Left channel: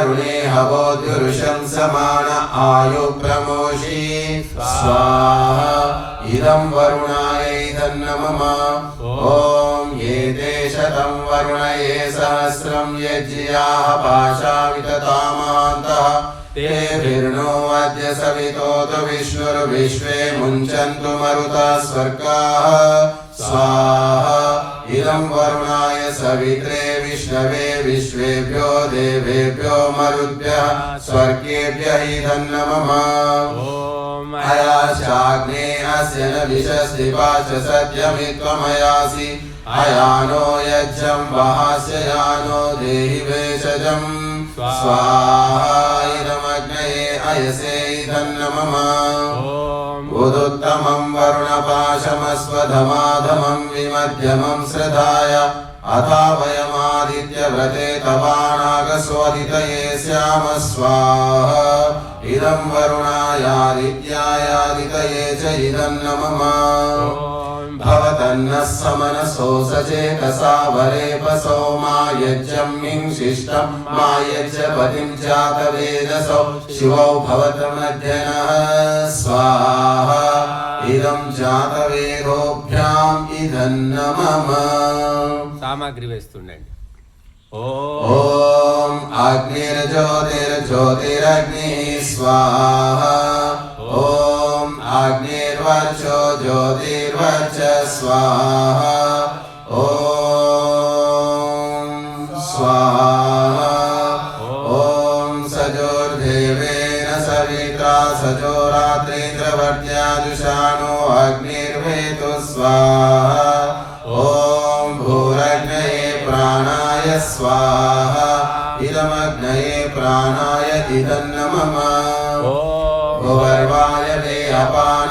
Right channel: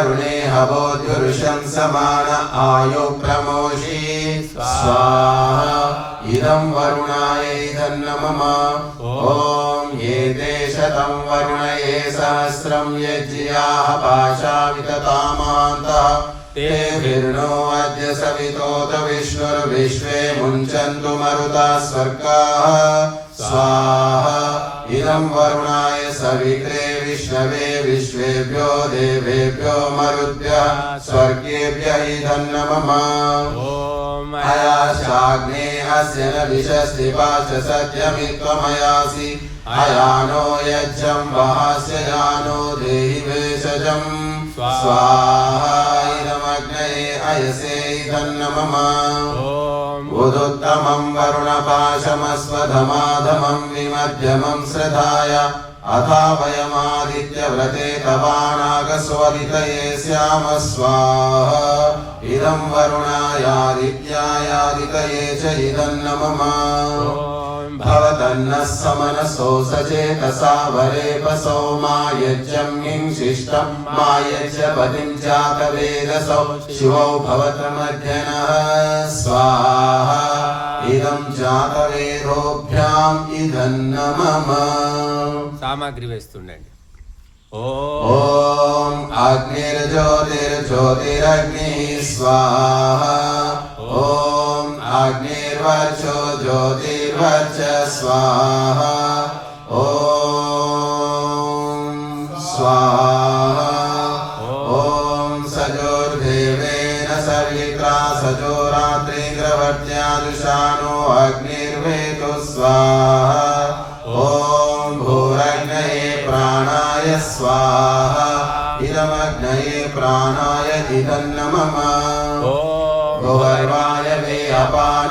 वरुणे हवोद्युरुषं समान आयु प्रमोषि स्वाहा इदं वरुणाय धन्नमः ॐ ये ते शतं वरुणये सहस्रं यज्ञाः पाशा विततामान्तः तेभिर्नो अद्य सवितोत विष्णुर्विश्वे मुञ्चन्तु मरुतः स्वर्गाः स्वाहा इदं वरुणाय सवित्रे विष्णवे विश्वेभ्यो देवेभ्यो मरुद्भ्यः स्वर्गेभ्यः नमः ॐ अयाशाग्नेयस्य न विशस्तिवाच सत्यमित्वमयासि अयानो यज्ञं वहास्य यानो देहि वेषजं स्वाहा इदमग्नये अयसे नमः उदुत्तमं वरुणपाशमस्वधमाधमं विमध्यमं श्रद्धाय अथा वयमादित्यव्रते तवानागस्वदितये स्याम स्वाहा इदं वरुणायादित्यायादितये च इदं नमः भवतन्नः समनसो सचेतसा वरेपसो मा यज्ञं शिष्टं मा यज्ञपतिं जातवेदसौ शिवौ भवतमध्यनः स्वाहा इदं जातवेदोभ्याम् इदं नमः सामग्री వేస్తుండండి ఓం అగ్నిర్జ్యోతిర్జ్యోతిరగ్నిః స్వాహా ఓం అగ్నిర్వర్చో జ్యోతిర్వర్చ స్వాహా ఓం స్వాహా ఓం సజోర్దేవేన సవిత్రా సజోరాత్రింద్రవర్త్యాదుషానో అగ్నిర్వేతు స్వాహా ఓం భూరగ్నయే ప్రాణాయ स्वाहा इदमग्नये प्राणाय इदं नमः ओम भुवर्वायवे अपान